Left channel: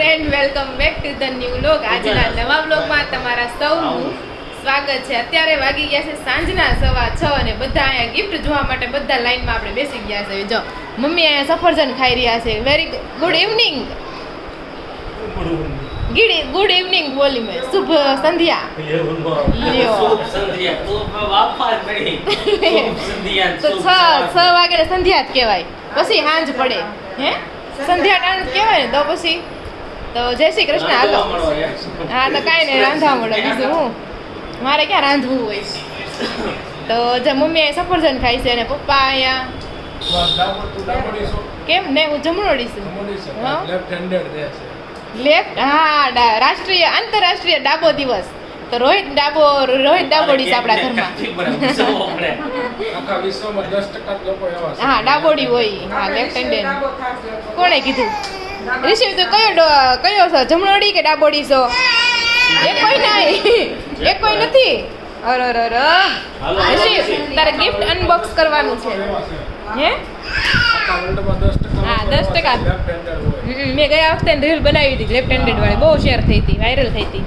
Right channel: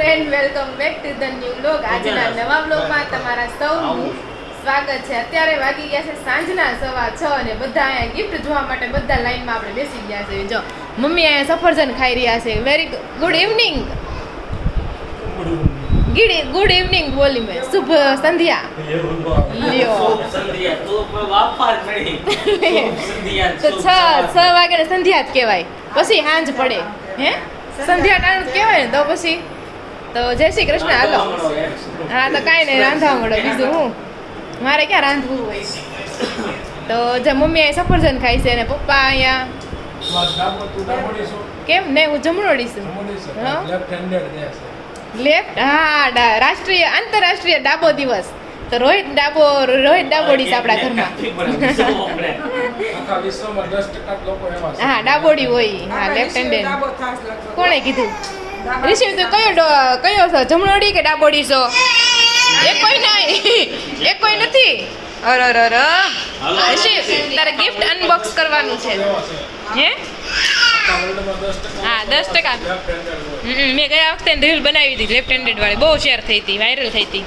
Friend, welcome back to the new vlog. આજના નવા વ્લોગમાં તમારા સૌનું સ્વાગત છે. અત્યારે વાગી ગયા છે સાંજના 6:15 અને બધા અહીંયા ગિફ્ટ જોવા માટે બધા લાઈનમાં આપણે બેસી ગયા છે. જો મમ્મી અહીંયા સફરજન ખાઈ રહ્યા છે. Very good evening. Good evening બોલી મેં. શુભ સંધ્યા. તો 6 વાગે સંધ્યા જ કહેવાય, પછી સાંજ પડે. હે સંધ્યા ટાણ કહેવાય ને તો પછી તો જય શ્રી કૃષ્ણ. હાલો. હા તો કાંઈ નહીં, રાંધવા મળે. બીજું હું મારે ક્યાં રાંધવું હોય. તો જે મમ્મી અહીંયા સફરજન ખાય છે અને પપ્પા અહીંયા કેમ ને હું જમણોડી છું. લેફ્ટ હા રાષ્ટ્રીય આંતરરાષ્ટ્રીય ડાબો દિવસ. તો રોહિત ડાબોડી છે આપણા ઘરમાં. હા ડાબોડી હોય. હા લેફ્ટ હેન્ડેડ. કોણે કીધું? રિશિવ તો કયો છો, જમણોડી કે ડાબોડી છો? એક કોઈ નહીં, એક કોઈ નથી. અરે રિશિવ તારે ગિફ્ટ અનબોક્સ કરવાનું છે. હે હા 10%. મેં ગયા વખતે રીલ બનાવી હતી લેફ્ટ હેન્ડેડ વાળી, બહુ શેર થઈ હતી, વાયરલ થઈ હતી.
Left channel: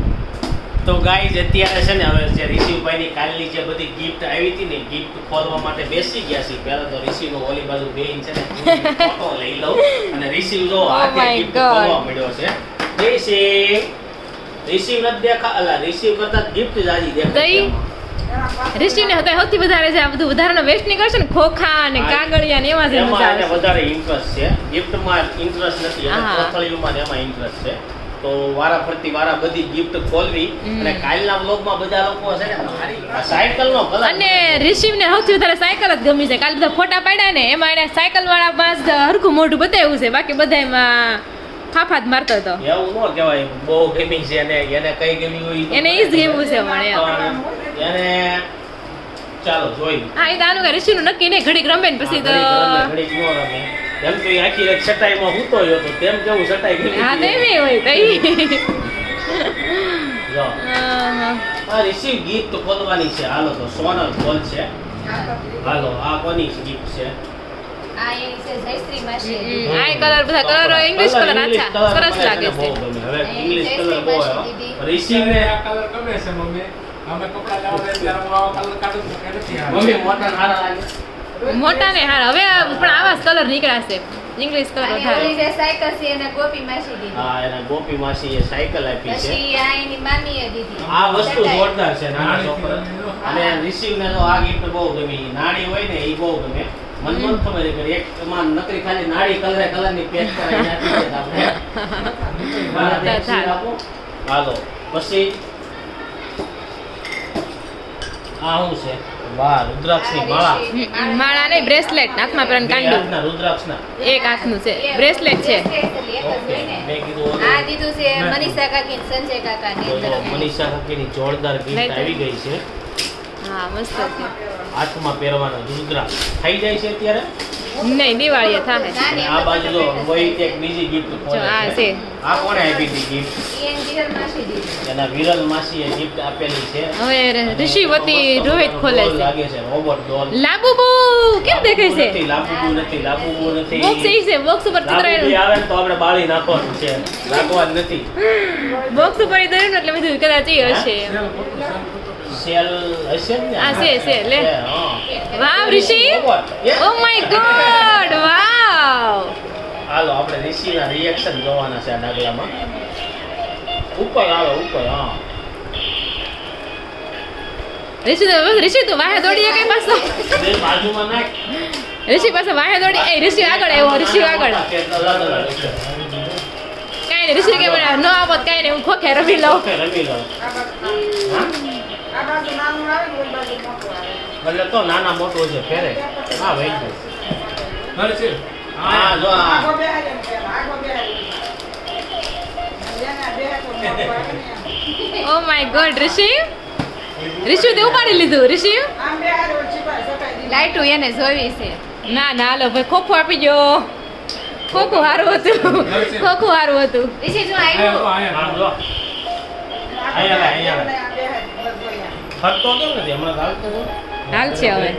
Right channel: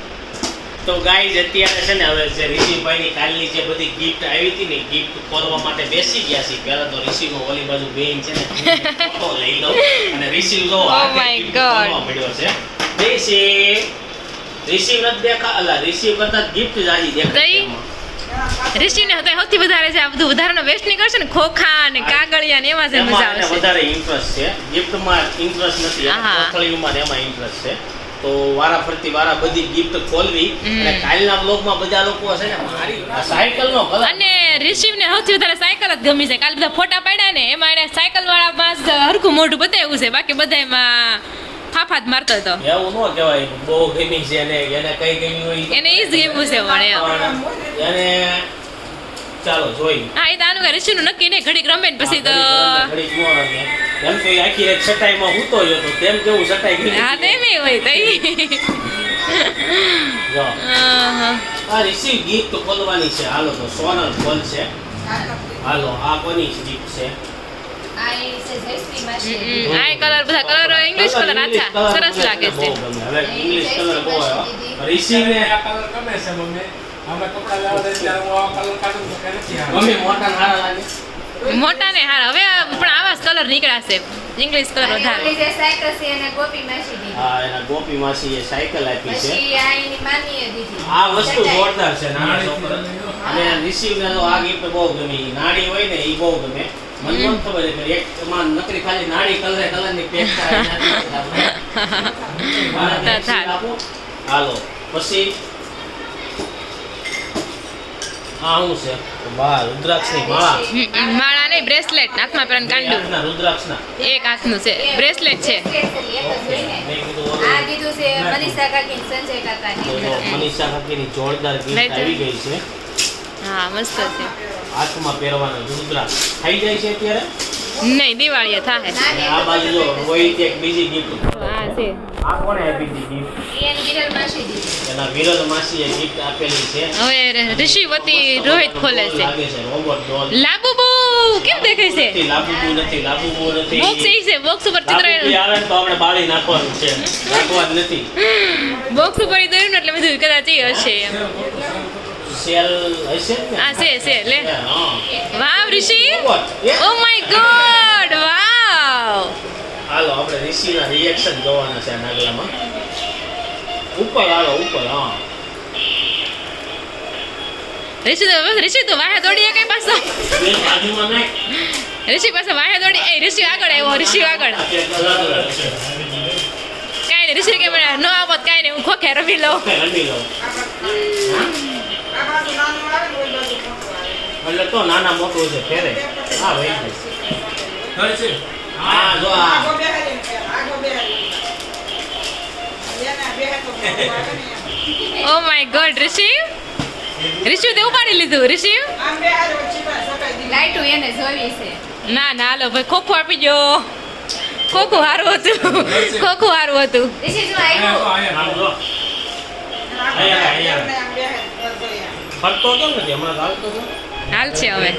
તો ગાઈઝ અત્યારે છે ને હવે જે રિશિવભાઈની કાલની જે બધી ગિફ્ટ આવી હતી ને ગિફ્ટ ખોલવા માટે બેસી ગયા છે. પહેલા તો રિશિવનો ઓલી બાજુ બેન છે ને ફોટો લઈ લઉં અને રિશિવ જો આ ગિફ્ટ ખોલવા મળ્યો છે. રિશિવ નથી દેખા અલા રિશિવ કરતા ગિફ્ટ જ આજી દેખાય. રિશિવને હતા સૌથી વધારે છે આ બધું વધારાનો વેસ્ટ નહીં કરશે ને, ખોખા અને કાગળિયા ને એમાં જ મજા આવશે. વધારે ઇન્ટરેસ્ટ છે, ગિફ્ટમાં ઇન્ટરેસ્ટ નથી, ખોખડીમાં એમાં ઇન્ટરેસ્ટ છે. તો વારા બધી ગિફ્ટ ખોલવી. અને કાલના વ્લોગમાં બધા લોકો છે ને મારી સાયકલનો કલર અને રિશિવને સૌથી વધારે સાયકલ જ ગમી છે. કાલ બધા ફોટા પાડ્યા ને એમાં એને સાયકલ વાળા બસ હરખું મોઢું બતાવ્યું છે, બાકી બધા એમાં ફાફા જ મારતો હતો. એવું ન કહેવાય, બહુ ગમી છે એને કઈ ગમ્યું હોય એને ઈ જ ગમ્યું છે. પણ એને ચાલો જોઈ. હા એ તો આનું રિશિવનું નક્કી નહીં, ઘડીક રમે ને પછી તો એમ કે આખી રાત ચટાઈમાં હૂતો હતો તેમ કેવું ચટાઈ ગઈ. હા તો એમ હોય તો આ રિશિવ ગિફ્ટ ખોલવાની છે. હાલો તો સોનલ ખોલ છે. હાલો આ કોની ગિફ્ટ છે? આ કલર બધા કલર ઇંગ્લિશ કલર આછા સરસ લાગે છે. હવે ઇંગ્લિશ કલર બહુ રિશિવ ને આ કલર ગમે છે મમ્મી. અમે કપડા લાવવા દે ત્યારે હું આવા કલર કાઢું તો કે નથી આવે. મમ્મી મોટા હારા લાગે. મોટા ને હારા હવે પણ આવા જ કલર નીકળ્યા છે, ઇંગ્લિશ કલર વધારે. હા એના ગોપી માસી એ સાયકલ આપી છે. પછી આ એની મામીએ દીધી. આ વસ્તુ જોરદાર છે નાના છોકરા. અને રિશિવ ને તો આ ગિફ્ટ બહુ ગમી. નાડી હોય ને એ બહુ ગમે. મને પણ ખબર છે એક માં નકરી ખાલી નાડી કલર ની પેક કરાવી. હાલો પછી આ શું છે? વાહ રુદ્રાક્ષની માળા. માળા નહીં, બ્રેસલેટ હાથમાં પહેરવાનું કાંડું. રુદ્રાક્ષના એક હાથનું છે, બ્રેસલેટ છે. મેં કીધું આ દીધું છે મનીષા કાકી ને સંજય કાકાની. મનીષા કાકીની જોરદાર ગિફ્ટ આવી ગઈ છે. હા મસ્ત છે. હાથમાં પહેરવાનો રુદ્રાક્ષ થઈ જાય છે અત્યારે નહીં દિવાળીએ થાય. આ બાજુ જો રોહિત એક બીજી ગિફ્ટ આ છે. આ કોણે આપી હતી ગિફ્ટ? એની વિરલ માસી દીધી. એના વિરલ માસીએ ગિફ્ટ આપેલી છે. હવે ઋષિવતી રોહિત ખોલે છે. લાગે છે રોબોટ ડોલ. લાબુબુ કેમ દેખાય છે? લાબુબુ નથી. બોક્સ એ છે, બોક્સ ઉપર ચિત્ર આવે તો આપણે બાળી નાખવાનું છે, નાખવાનું નથી. બોક્સ ઉપર દોર્યું ને એટલે બધું કદાચ એ હશે. સેલ હશે ને? આ છે લે. હા. વાવ ઋષિ, ઓ માય ગોડ, વાવ. હાલો આપણે ઋષિના રિએક્શન જોવાના છે આ નાગલામાં. ઉપર હાલો ઉપર. હા ઋષિ તો વાહે દોડીએ કઈ પાછો. બે બાજુમાં નાખ. ઋષિ પાસે વાહે દોડી. એ ઋષિ આગળ આવ્યો, ઋષિ આગળ. કાંઈ નહીં ઋષિ કે ન આપત કાંઈ નહીં, હું ખોખે રમી લઉં. રમી લો. એટલે તો નાના મોટું છે ફેરે. હા ભાઈ હા જો આ ઓ માય ગોડ ઋષિ તે ઉપાડી લીધું. ઋષિ લાઈટું એને જોવી છે. ના હાલો ભાઈ, ખોખું આપી દો. ખોખું સારું હતું. રિશી જો આવ્યો. આમ જો અહીંયા ફરતો કેમ નથી હમણાં આવતો હાલ છે હવે.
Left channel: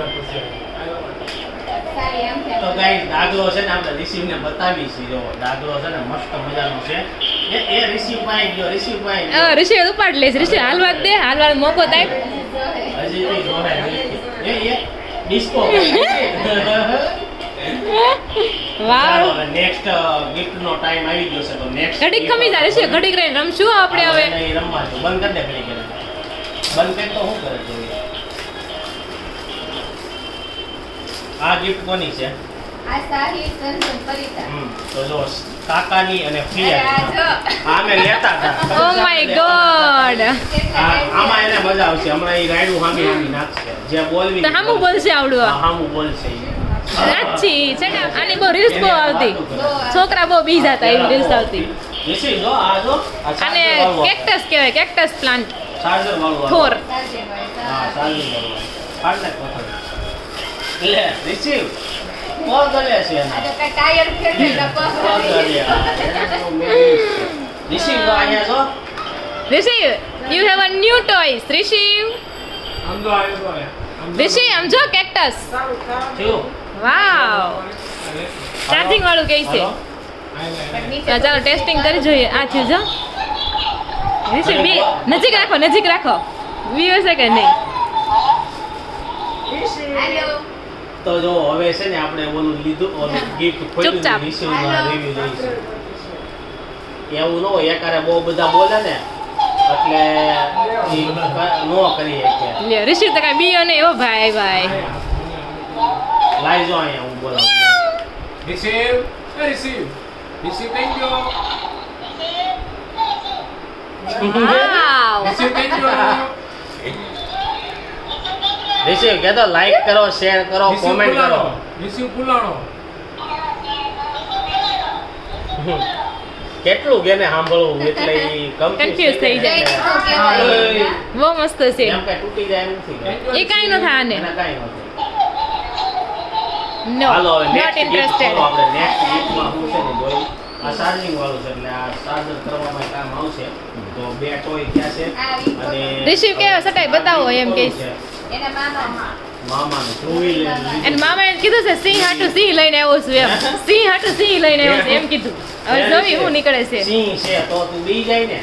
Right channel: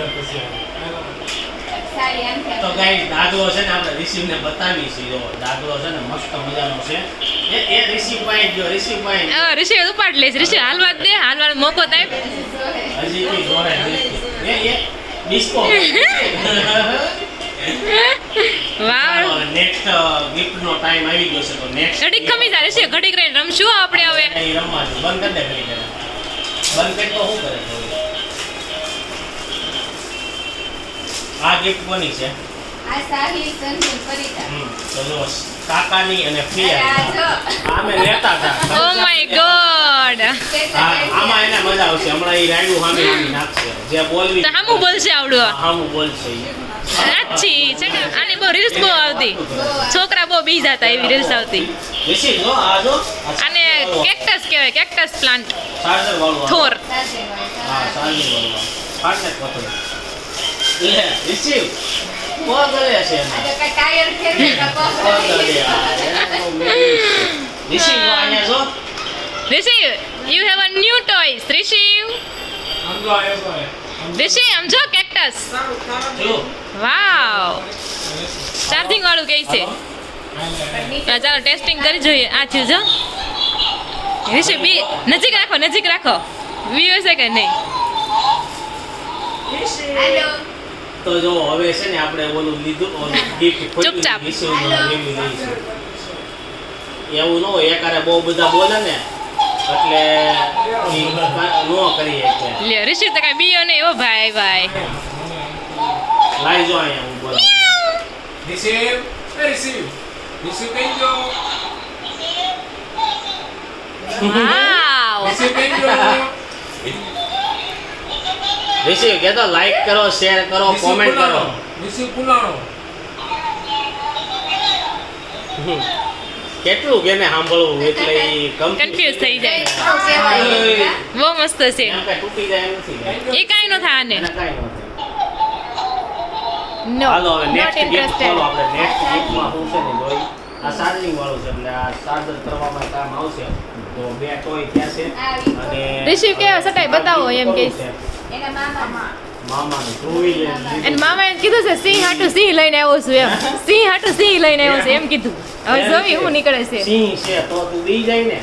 સાડી આમથી તો ગાઈસ દાગલો છે ને આપણે રિસીવ ને બતાવી છે. જો દાગલો છે ને મસ્ત મજાનો છે. એ રિસીવ પાઈ ગયો, રિસીવ પાઈ ગયો. ઋષિ ઉપાડ લેશ. ઋષિ હાલવા જ દે, હાલવાનો મોકો તાપ. હજી બી જોડે એ ડિસ્કો. વાવ, નેક્સ્ટ ગિફ્ટ નો ટાઈમ આવી ગયો છે. તો નેક્સ્ટ ઘડીક ખમી જાય ઋષિ, ઘડીક રહીને રમશું આપણે હવે. નહીં રમવા દે. બંધ કરી દે ઘડી ઘડી. બંધ કરી તો શું કરે છે? આ ગિફ્ટ કોની છે? આ સાહી સંજન પરિતા તો જો કાકાની અને આ ફિયા. જો આ મેં લેતા હતા. Oh my God. આમાં એને મજા આવશે. હમણાં એ રાયડું સામે સામે નાખશે. જે બોલવી તો હામું બોલશે આવડું. સામું બોલશે ઈ. સાચી છે ને, આની બહુ રીલ્સ બહુ આવતી. છોકરા બહુ બીજ હતા એવી રીલ્સ આવતી. રિશી જો આ જો અને કેક્ટસ કહેવાય, કેક્ટસ પ્લાન્ટ. ચાર્જર વાળું. થોર. હા ચાર્જર વાળું. ફાટલે પકડ. લે રિસીવ કોલ કરે છે આ તો કાંઈ ટાયર ફેરવીને રિસીવ અહીંયા જો receive, you have a new toys. Receive, આમ તો આયો તો આયો. રિશિવ આમ જો કેક્ટસ. જો વાવ, ચાર્જિંગ વાળું કે છે. ચાલો ટેસ્ટિંગ કરી જોઈએ. આ થયું જો. રિશિવ બી નજીક રાખો, નજીક રાખો. વ્યુ છે કે નહીં? હાલો તો જો હવે છે ને આપણે ઓલું લીધું ઓલું ગિફ્ટ ચૂપચાપ. રિસીવમાં લેવી લઈશું. એવું ન હોય એકારે બહુ બધા બોલે ને એટલે ઈ નો કરી શકે. લ્યો રિશિવ તો કાંઈ બીયો નહીં. ઓ ભાઈ ભાઈ. લાઈ જો અહીંયા હું બોલાવું. રિસીવ રિસીવ કઈ ગયો વાવ. રિસીવ કઈ ગયો રિસીવ કે તો લાઈક કરો, શેર કરો, રિસીવ કોમેન્ટ કરો. પુલાણો રિસીવ પુલાણો કેટલું કેને સાંભળવું એટલે ઈ Confuse થઈ જાય. જાય. બહુ મસ્ત છે. એમ કે તૂટી જાય એમ નથી. એ કાંઈ ન થાય આને. એના કાંઈ નથી. નો, હાલો હવે નોટ next gift ઇન્ટરેસ્ટેડ. ખોલો આપણે. next giftમાં શું છે ને જોઈ. આ ચાર્જિંગ વાળું છે એટલે આ ચાર્જર કરવામાં કામ આવશે. તો બે ટોય ત્યાં છે અને રિશિવ કેવો સટાઈ બતાવો એમ કે. એના મામા મામાનું ટુ વ્હીલર લીધું. અને મામાએ કીધું છે સિંહ હાટું સિંહ લઈને આવ્યો છું એમ. સિંહ હાટું સિંહ લઈને આવ્યો છે એમ કીધું. હવે જોઈ હું નીકળે છે. સિંહ છે તો તું બી જાય ને.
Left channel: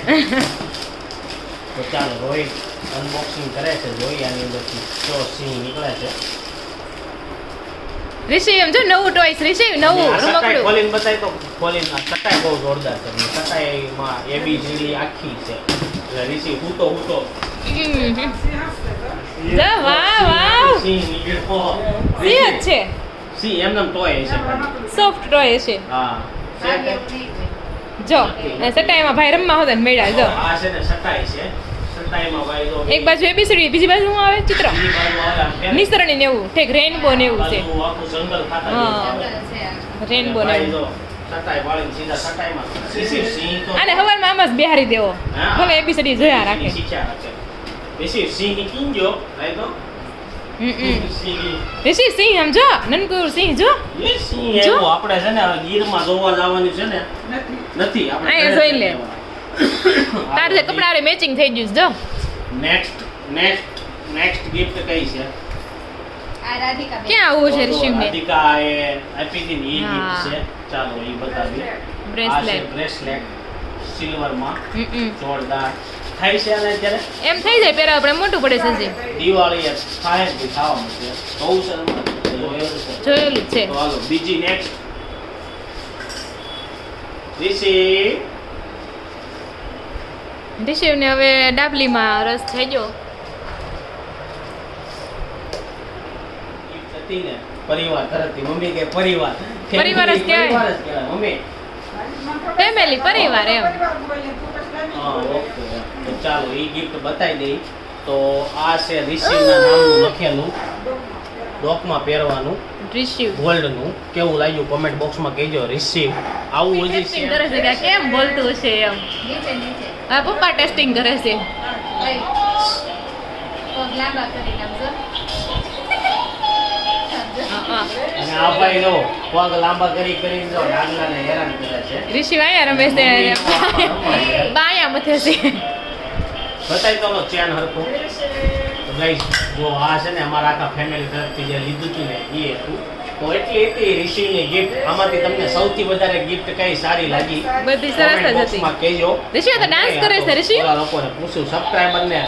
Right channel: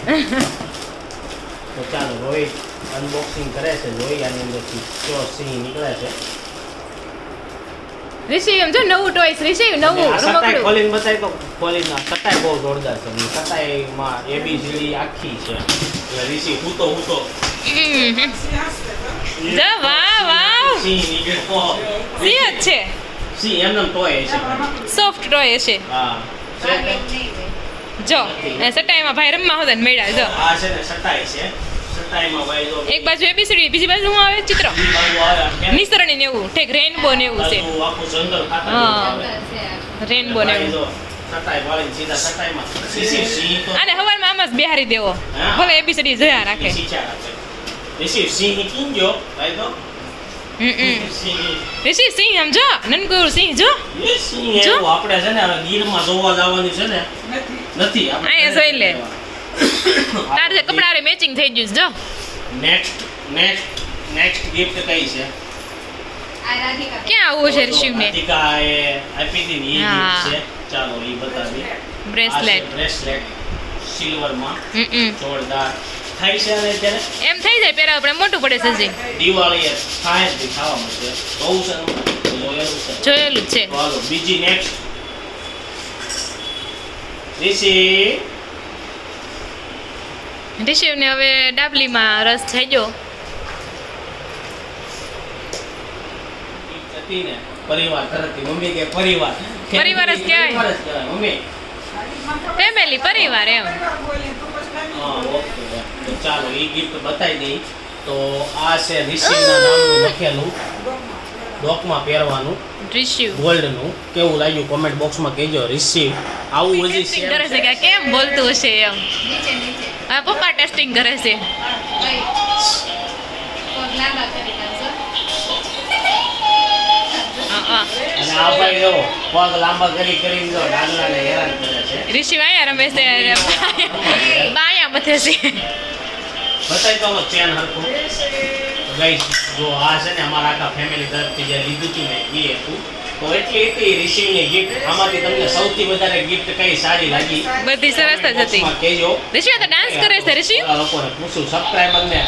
તો ચાલો રોહિત અનબોક્સિંગ કરે છે. જોઈ આની અંદરથી જો સિંહ નીકળે છે. રિશિવ એમ જો નવું ટોયસ. રિશિવ નવું આ સટાઈ રમકડું. ખોલીને બતાય તો ખોલીને આ સટાઈ બહુ જોરદાર છે. અને સટાઈમાં ABCD આખી છે. એટલે ઋષિ હૂતો જા વાહ વાહ. સિંહ નીકળ્યો. સિંહ જ છે. સિંહ એમનેમ ટોય હશે ખાલી. સોફ્ટ ટોય છે. હા છે તે? જો એ સટાઈમાં ભાઈ રમવા હોતા ને મેળા જો. આ છે ને સટાઈ છે. સટાઈમાં ભાઈ જો એક બાજુ એબીસીડી, બીજી બાજુ શું આવે? ચિત્ર. ઈ બાજુ આવે આમ કેમ? નિસરણી ને એવું ઠેક રેનબો ને એવું છે. આખું આખું જંગલ ખાતા હા. આવે. રેનબો ને ભાઈ એવું. જો સટાઈ વાળીને સીધા સટાઈમાં સિંહ તો અને હવારમાં આમ જ બેહારી દેવો. હા. ભલે એબીસીડી જોયા રાખે. ઋષિ સિંહ કીંજો ભાઈ તો સિંહ ઋષિ સિંહ આમ જો નનકું એવું સિંહ જો. એ સિંહ જો. એવું આપણે છે ને ગીરમાં જોવા જવાનું છે ને નથી આપણે અહીંયા જોઈ લે. તારે જે કપડા હારે મેચિંગ થઈ ગયું છે જો. નેક્સ્ટ ગિફ્ટ કઈ છે? આ રાધિકા ક્યાં આવું છે ઋષિને? રાધિકા એ આપી હતી ને એ હા. gift છે. ચાલો એ બતાવી. બ્રેસલેટ. બ્રેસલેટ સિલ્વરમાં હમ. જોરદાર થાય છે અને અત્યારે એમ થઈ જાય પહેરા આપણે મોટું પડે છે હજી. દિવાળી એ થાય જ ખાવા મળશે બહુ છે ને? તો જો એવું છે. જોયેલું જ છે. તો હાલો બીજી નેક્સ્ટ ઋષિ ઋષિવને હવે ડાબલીમાં રસ થઈ ગયો. gift હતી ને પરિવાર તરફથી મમ્મી કે પરિવાર પરિવાર જ કહેવાય. પરિવાર જ કહેવાય મમ્મી. ફેમિલી પરિવાર એમ. હા ઓકે તો ચાલો એ ગિફ્ટ બતાવી દઈ. તો આ છે ઋષિના નામનું લખેલું ડોકમાં પહેરવાનું રિસીવ. ગોલ્ડનું. કેવું લાગ્યું કોમેન્ટ બોક્સમાં કહેજો. રિસીવ આવું હજી ટેસ્ટિંગ કરે છે કે કેમ બોલતું હશે એમ. નીચે હા પપ્પા ટેસ્ટિંગ કરે છે. ભાઈ પગ લાંબા કરી નાખજો હા. અને આ ભાઈ જો પગ લાંબા કરીને જો ડાગલાને હેરાન કરે છે. ઋષિ આયા રમે છે. બાયા મથે છે. બતાવી તો ચેન હરખું ગાઈસ. જો આ છે ને અમારા આખા ફેમિલી તરફથી જે લીધું હતું ને એ હતું. તો એટલી હતી રિસીવની ગિફ્ટ. આમાંથી તમને સૌથી વધારે ગિફ્ટ કઈ સારી લાગી? બધી સરસ જ Comment હતી. box માં કહેજો. રિશી તો ડાન્સ કરે છે રિશી. ઓલા લોકોને પૂછું સબસ્ક્રાઇબરને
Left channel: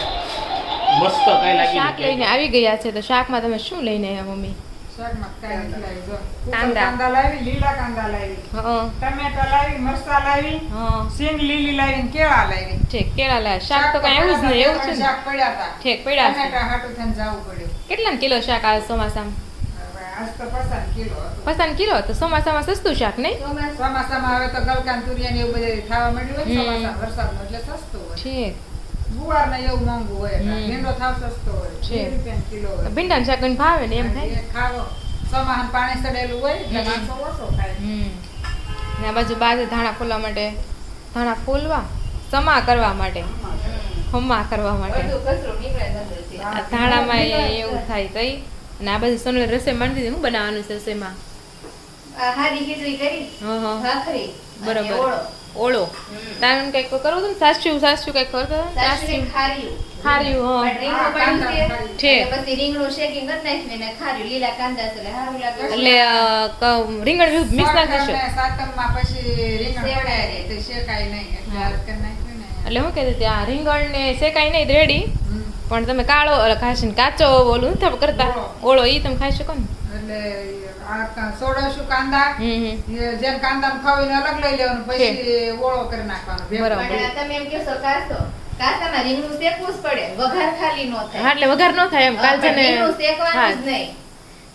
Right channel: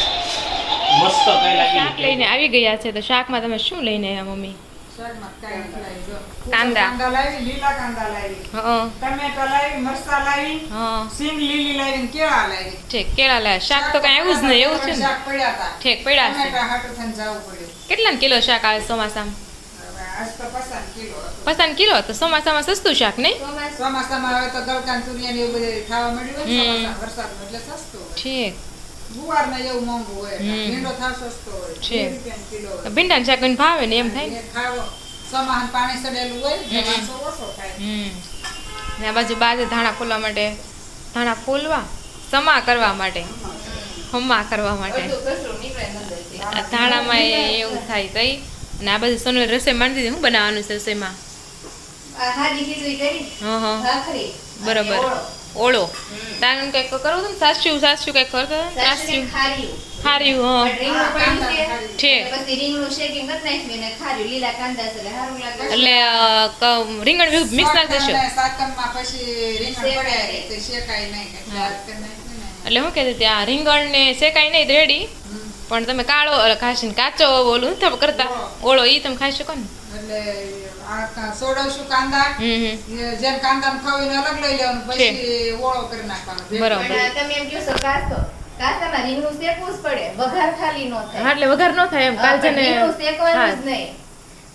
મસ્ત કઈ લાગી? શાક લઈને આવી ગયા છે તો શાકમાં તમે શું લઈને આવ્યા મમ્મી? શાકમાં કાંઈ નથી લાવી, જો. કાંદા. કાંદા લાવી, લીલા કાંદા લાવી, હં ટમેટા લાવી, મરચાં લાવી, હં સિંગ લીલી લાવી ને કેળા લાવી. ઠીક કેળા લાયા. શાક તો કઈ આવ્યું જ નહીં એવું છે ને? શાક પડ્યા હતા. ઠીક પડ્યા છે. ટમેટા હાટું થઈને જાવું પડ્યું. કેટલાનું કિલો શાક આવે ચોમાસામાં? હવે આજ તો 50 કિલો હતું. 50 કિલો તો ચોમાસામાં સસ્તું શાક નહીં? ચોમાસામાં હવે તો ગલકાન તુરિયા ને એવું બધું ખાવા મળ્યું હોય ને હમ. ચોમાસામાં વરસાદમાં એટલે સસ્તું હોય. ઠીક ગુવાર ને એવું મોંઘું હોય હમ. ભીંડો થાવ સસ્તો હોય છે. 2 રૂપિયાનો કિલો હોય. ભીંડાનું શાક કોઈને ભાવે ને એમ થાય ને. એ ખાવો ચોમાસામાં પાણી સડેલું હોય એટલે હમ. માણસો ઓછો ખાય. ને આ બાજુ બાજુ ધાણા ફોલવા માટે ધાણા ફોલવા સમા કરવા માટે હમા કરવા માટે આ ધાણામાં એવું થાય તઈ અને આ બાજુ સોનલ રસોઈ માંડી દીધી. શું બનાવવાનું છે રસોઈમાં? હાદી ખીચડી કરી હં હં ભાખરી બરોબર. અને ઓળો. ઓળો તારે કંઈક કરવું હતું ને? સાસ્યું સાસ્યું કંઈક કરતો હતો ને? સાસરી સાસ્યું ખાર્યું. ખાર્યું પણ રીંગણું પડ્યું છે. છે. એટલે પછી રીંગણું શેકીને કરી નાખ્યું ને ખાર્યું. લીલા કાંદા છે એટલે સારું લાગે. એટલે રીંગણ મિક્સ નાખી દેશો. અને સાતમમાં પછી રીંગણ શેકાય પડ્યા નહીં. તે શેકાય નહીં એટલે હા. આજ કરી નાખ્યું ને. એટલે હું કહેતી ત્યાં રીંગણ ને શેકાય નહીં રેડી હમ. પણ તમે કાળો ખાશી કાચો ઓલું નથી કરતા ઓળો ઈ તમે ખાઈ શકો ને. એટલે આ સોડવશું કાંદા હમ જેમ કાંદાને ખાવીને અલગ લઈ લેવાનું પછી ઓળો કરી નાખવાનો ભેગો. બરાબર. પણ આ તમે એમ કહો છો કાસો. કાસામાં રીંગણું શેકવું જ પડે. વઘાર ખાલી નો થાય. હા એટલે વઘાર ન થાય એમ કાલ છે પણ ને રીંગણું શેકવાનું હા. જ નહીં.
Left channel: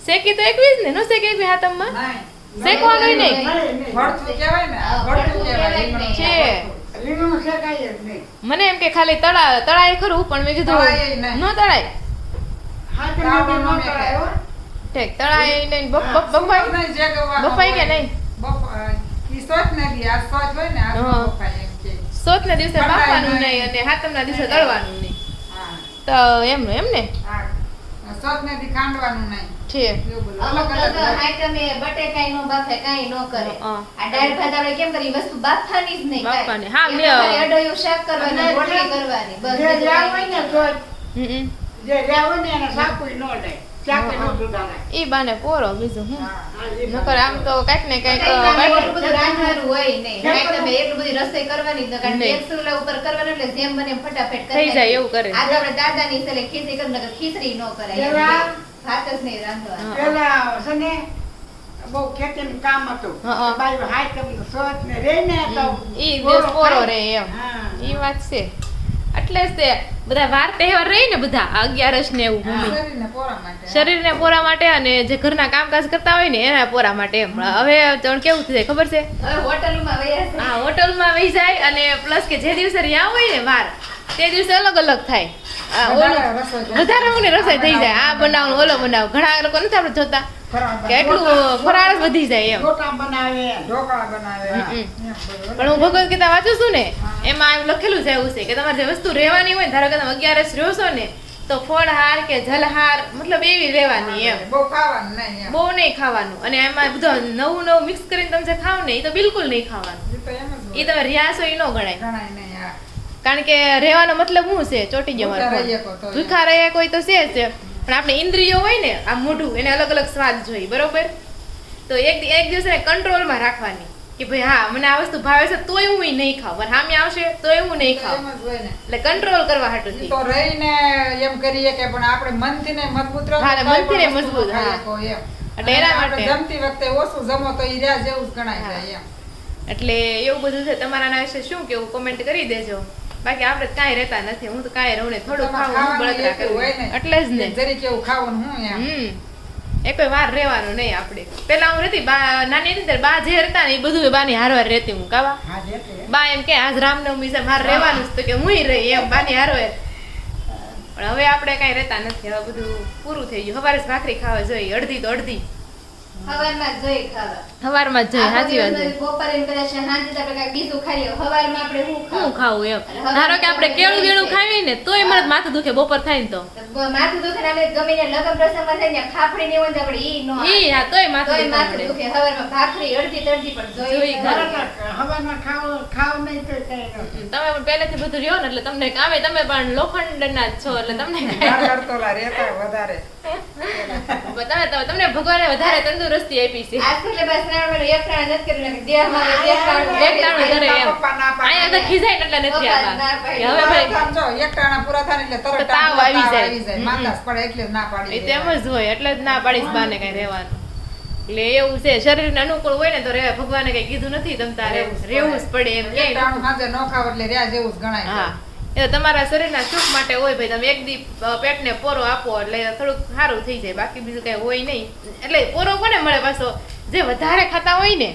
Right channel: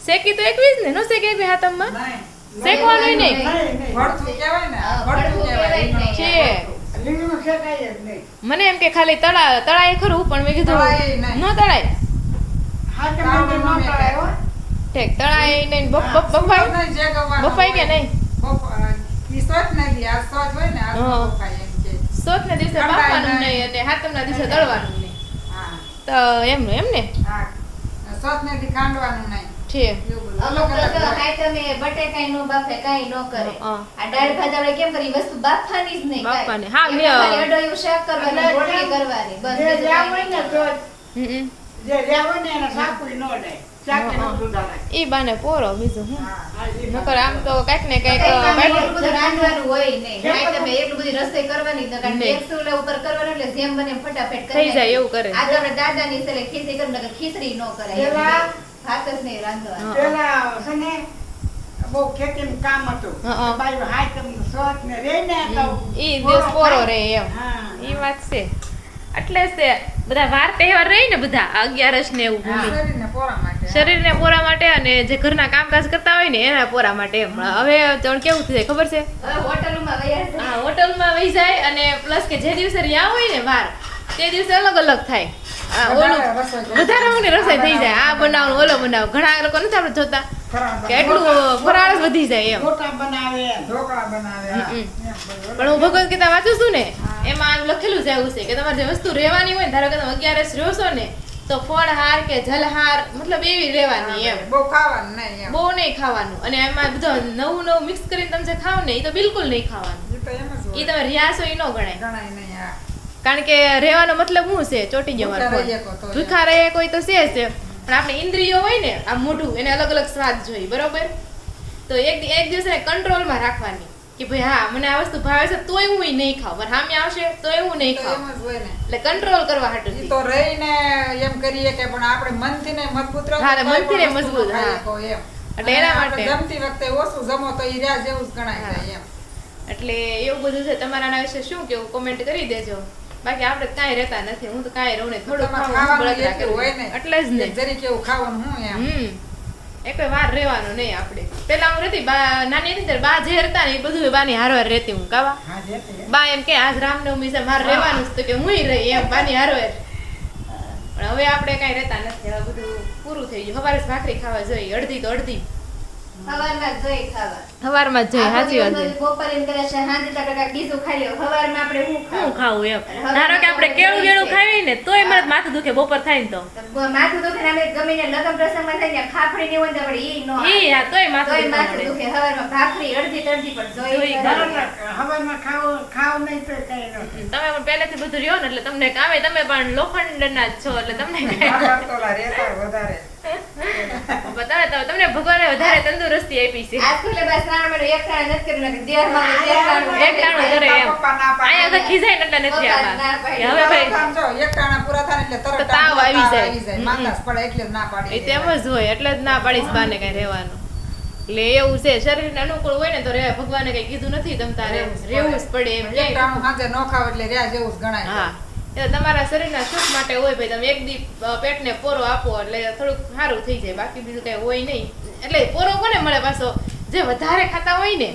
શેકી તો એકવીસ ને નો શેકી એકવી હાથમાં નહીં. શેકવાનું નહીં. ભરતું કહેવાય ને આ ભરતું કહેવાય રીંગણું. છે. રીંગણું શેકાય જ નહીં. મને એમ કે ખાલી તળાય ખરું પણ મેં તળાય કીધું નહીં. ન તળાય. કાંદો ન મેકાય. ઠીક તળાય નહીં બફાય નહીં, જે ગવાનો બફાય કે હોય. નહીં? ઈ સોચ નથી, આ સોચ હોય ને આ હા. બફાય એમ કે. સોચના દિવસે બાફવાનું નહીં અને હાથમના દિવસે તળવાનું નહીં હા. તો એમનું એમ ને હા. સોચ નથી ખાંડવાનું નહીં. છે. એવું બધું અમુક અલગ અલગ લોકો હોય. હાય તમે બટેકાય નો બાફે કાંઈ નો કરે. હા. આ દાળ ભાત આપણે કેમ કરી વસ્તુ બાફવાની જ નહીં. બાફવાની. કાંઈ. હા, એમાં ખાલી અડોયું શાક કરવાની, રોટલી કરવાની. બસ બીજું કાંઈ નહીં કરવાનું. ઈ બાને પોરો બીજું હું હા. નકર આમ તો કઈક ને કઈક કંઈ કામ કાંઈક એટલું બધું રાંધવાનું હોય નહીં. હાય તમે એટલું બધી રસોઈ કરવાની જ ન. કારણ કે નહીં. એક ચૂલા ઉપર કરવાનું એટલે જેમ બને એમ ફટાફટ કરી થઈ જાય નાખી. એવું કરે. આ તો આપણે દાદાની સેલે ખીચડી કરી નકર ખીચડી નો કરાય. એમ કે ભાત જ નહીં રાંધવાનું. હા. પેલા છે ને બહુ ખેતીનું કામ હતું. હા. બાઈ હાથમનું સોચ ને રહે ને તો ઈ દિવસ પોરો રે એમ હા. ઈ વાત છે એટલે જ તે બધા વાર તહેવાર રહી ને બધા 11 ને એવું ભૂમિ શરીરને પોરા માટે. શરીરને પોરા માટે અને જે ઘરના કામકાજ કરતા હોય ને એના પોરા માટે એમ હવે તો કેવું થઈ જાય ખબર છે હવે હોટલમાં વયા છે. હા હોટલમાં વહી જાય અને પ્લસ કે જે દિવસે રહ્યા હોય ને વાર તે દિવસે અલગ અલગ થાય આ ઓલું વધારે રસોઈ થાય. વધારે ઊંડી રસોઈ થઈ જાય આ બનાવવાનું ઓલો બનાવ ઘણા લોકો નથી આપણે જોતા ફરાળ કે એટલું ફરાળ જ વધી જાય એમ રોટા બનાવે ઢોકળા બનાવે. હમ. એમ બધું. પણ હું ભગવદ ગીતા વાંચું છું ને એમાં એવું લખેલું છે એવું છે કે તમારે જે વસ્તુ રહેવાની હોય ને ધારો કે તમે 11 રહ્યો છો ને તો ફળહાર કે જલહાર મતલબ એવી રહેવાની એમ બહુ ખાવાનું નહીં એમ. બહુ નહીં ખાવાનું અને એમાં બધું નવું નવું મિક્સ કરીને તમે જે ખાવ ને એ તો બિલકુલ નહીં ખાવાનું ઈ તો એમ જ એ હોય. તમે રહ્યા છો એ ન ગણાય ગણાય નહીં આ. કારણ કે રહેવાનો મતલબ શું છે ચોટી ગયો મારો ભૂખ્યા ફોન. રહીએ કો તો ભૂખા રહે કોઈ તો છે જ તે. પણ આપણી ઇન્દ્રિયો હોય ને આ મોઢું એને અલગ અલગ સ્વાદ જોઈએ બરોબર તો એક દિવસે કંટ્રોલમાં રાખવાની કે ભાઈ હા મને આ વસ્તુ ભાવે છે તોય હું ઈ નહીં ખાવ પણ સામે આવશે તોય હું નહીં તો ખાવ એમ જ હોય ને. એટલે કંટ્રોલ કરવા હાટું ઈ તો રહીને એમ કરીએ કે પણ આપણે મનથી ને મજબૂત રહો હા, તો મનથી કોઈ ને પણ વસ્તુ મજબૂત, ખાઈ હા. શકો એમ. એટલે એના અને આપણે માટે. જમતી વખતે ઓછું જમો તો ઈ રહ્યા જેવું જ ગણાય હા. જાય એમ. એટલે એવું બધું છે તમારા આના વિશે શું કેવું કોમેન્ટ કરી દેજો બાકી આપણે કાંઈ રહેતા નથી હું તો કાંઈ રહું ને થોડું ખાવું હું ખાવાનું બળતરા એટલું હોય કરું ને. એટલે જ ને જરીક એવું ખાવાનું હું એમ. એકે વાર રહેવાનું નહીં આપણે પેલા હું રહેતી નાની હતી ત્યારે બા જે રહેતા ને એ બધું બાની હારવાર રહેતી હું કાવા હા જેતે બા એમ કે આજ રામનવમી છે મારે રહેવાનું છે તો કે હુંય રહી એમ બાની હારવાર પણ હવે આપણે કાંઈ રહેતા નથી હવે બધું પૂરું થઈ ગયું સવારે જ ભાખરી ખાવા જોઈએ અડધી તો અડધી સવારમાં જ જોઈ ખાવા. સવારમાં જ જોઈએ આખો સાચી વાત દિવસ છે બપોરે એમ કદાચ સાંજે તો આપણે કાંઈક બીજું ખાઈ લઈએ. સવારમાં આપણે શું શું ખાવું? ખાવું એમ હવે ધારો કે આપણે આપણે કેળું વેળું જોઈએ. ખાવી ને તોય મને માથું દુખે બપોર થાય ને તો તો માથું દુખે ને આપણે ગમે ત્યાં લગ્ન પ્રસંગમાં થાય ને ખાફડી ને હોય ને તો આપણે ઈ નો આવે. ઈ હા તોય માથું તોય દુખવા માથું મળે દુખે. સવારમાં ભાખરી અડધી તડધી પણ જોઈ જોઈ ખાવી. હવામાં ખાવ નહીં તો કઈ નથી. તમે પણ પહેલેથી બધું રહ્યો ને એટલે તમને કામે તમે પણ લોખંડના જ છો એટલે તમને કાંઈ આ કરતોલા રહેતા વધારે. તમને ભગવાને વધારે તંદુરસ્તી આપી છે આ સ્કૂલે બસ શ્રાવણ મહિનો એક ટાણું નથી કર્યું નકર દેહમાં હોય એક ટાણું એક ટાણું કરે એમ પપ્પા ના પાડે. અહીંયા તો ખીજાય ને એટલે નથી આવતા કે હવે ભાઈ આમ જો એક ટાણા પૂરા થાય ને એટલે તરત તો તાવ આવી જાય. માતાસ પડે એટલે જ ના પાડી એ તેમ જ હોય એટલે જ ના પાડીશ બાને કઈ રહેવાનું એટલે એવું છે શરીરને અનુકૂળ હોય ને તો રહેવાય ભગવાને કઈ કીધું નથી તમ તારે રહેવું જ પડે એમ એક ક્યાંય ટાણું હાથે ન ખાવ એટલે રહ્યા જેવું જ ગણાય હા એ તમારા શરીરના સુખ માટે હોય ભાઈ તમે એક દી પેટને પોરો આપો એટલે થોડુંક સારું થઈ જાય બાકી બીજું કઈ હોય નહીં એટલે પોરો કોને મળે પાછો જે વધારે ખાતા હોય ને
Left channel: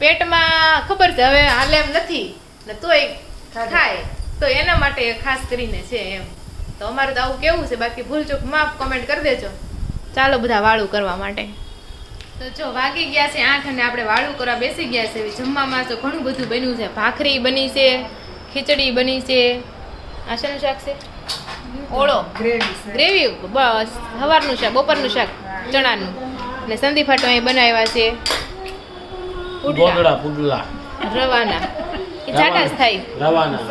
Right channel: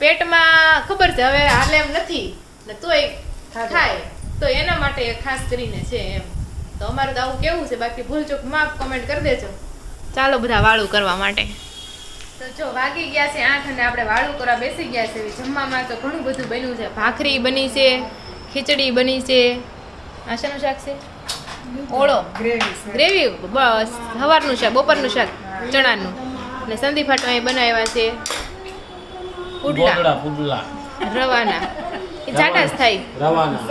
પેટમાં ખબર છે હવે હાલે એમ નથી ને તોય ખાય તો એના માટે ખાસ કરીને છે એમ તો અમારે તો આવું કેવું છે બાકી ભૂલચૂક માફ કમેન્ટ કરી દેજો ચાલો બધા વાળું કરવા માટે તો જો વાગી ગયા છે 8 અને આપણે વાળું કરવા બેસી ગયા છે જમવામાં તો ઘણું બધું બન્યું છે ભાખરી બની છે ખીચડી બની છે આ શાનું શાક છે ઓળો ગ્રેવી બસ સવારનું શાક બપોરનું શાક ચણાનું અને સંદીપ હાટો અહીં બનાવ્યા છે પુડલા પુડલા રવાના એ જાડા જ થાય રવાના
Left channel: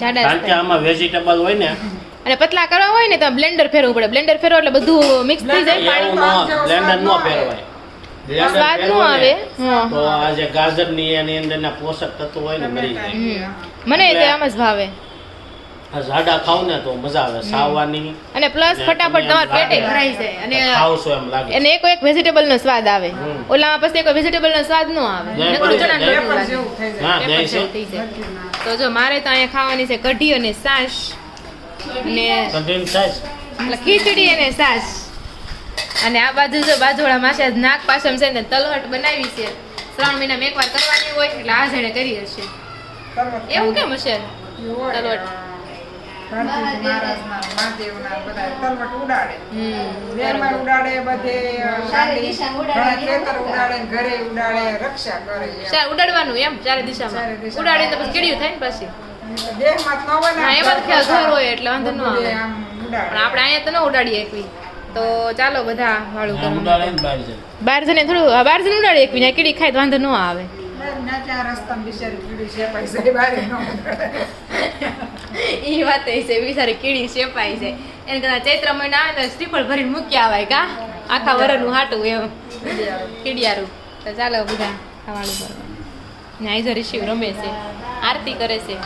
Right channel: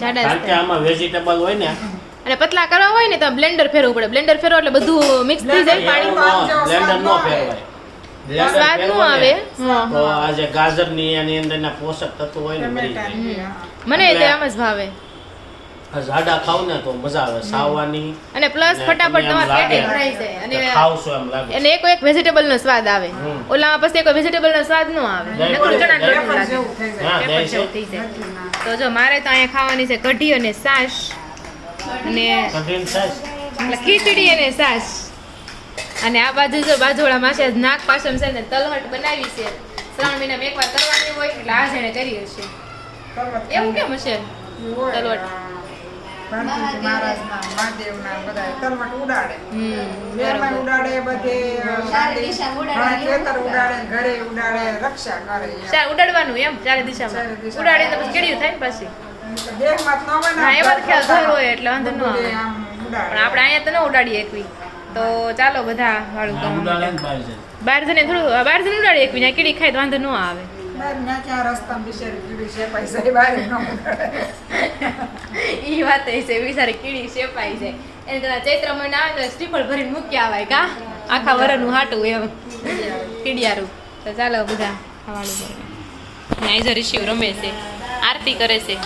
જાડા જ કારણ કે થાય આમાં વેજીટેબલ હોય ને અને પતલા કરવા હોય ને તો બ્લેન્ડર ફેરવવું પડે બ્લેન્ડર ફેરવો એટલે બધું મિક્સ થઈ જાય પાણી બ્લેન્ડર નો ફેરવાય Blender સ્વાદ નો ફેરવો ને, આવે હા. તો આ જે ગાજરની એની અંદરના પોષક તત્વો હોય ને મરી જાય મને તે આમ જ ભાવે આ જાડા ખાવ ને તો મજા આવે સાવવાની અને પ્લસ ને ફટાફટ તમને તમારા આમ પેટે લાગે. ભરાઈ જાય અને ખાવશો એમ લાગે એને એક વેજીટેબલ નો સ્વાદ આવે ઓલામાં પછી કોઈ વેજીટેબલ નો સ્વાદ ન આવે નહીં, નકરું નહીં, ચણાનું નહીં. લોટનું લાગે. જેવું થઈ જાય હા, પેપર નહીં, જેવું થઈ જાય તો જો મારે તો અહીંયા ખાવાની છે કઢી અને છાશ અને કઠિન સાઈઝ એટલે ખીચડી અને છાશ અને આ બાજુ જો બાજુવાળા માસે નાક પાસે છે ને તલહટ બનાવી છે 3 મહિનામાં એકવાર કરવાની હોય એટલે આ જેણે કરી હશે એવું કેમ હશે તલવટ ભારતીજી મહારાજના મહાદેવના બધા તલવટ ઉડાડે વેરમાં બરોબર ઉડાડે બધે ચારે દિશામાં ઉડાડે. ઘણા ખેતર ઉડાડે ને ઘરે ઉડાડે રક્ષા કરે એમ. ચાર ઉડાડવાનું એમ ચારે દિશામાં ચારે દિશામાં. ઉડાડી તો પછી કેડિયું થાય ને પાછી દેહમાં જ ન હોય ને હા, એમાં તો ખ્યાલ ઘર હોય એટલે વાંધો ન બધે આવે. આમ પણ ઉડાડે. આપણે અહીંયા તો ન ઉડાડીએ એકવી તો ચાલો બધા વાળું કરવા ઉડાડે માટે. ને બહાર જાય. બહાર જઈને થોડું બહાર જઈને ઉડાડીએ એકવી ત્યાં કીડી ખાય તો વાંધો ન આવે મેં ત્યાં રસ્તામાં બિચારી કીડી છે પૈસા બારે ન ઉડાડે. એ વાત છે બિચારી કીડી શેપાઈ જાય એને કદાચ ચૈત્ર મહિના આવે તો શ્રીફળ ભરીને મૂકી આવાય કા આખા વરનું હાટું એમ કીડિયારું તો ચાલો બધા ખાવાનું કરવા ને આઈઝો ઋષિ રમે છે આરતી કરે છે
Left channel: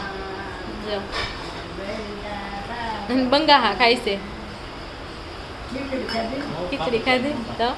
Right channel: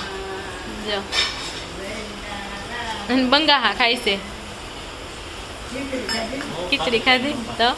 જો અને બંગાહા ખાય છે ખીચડી ખાધી તો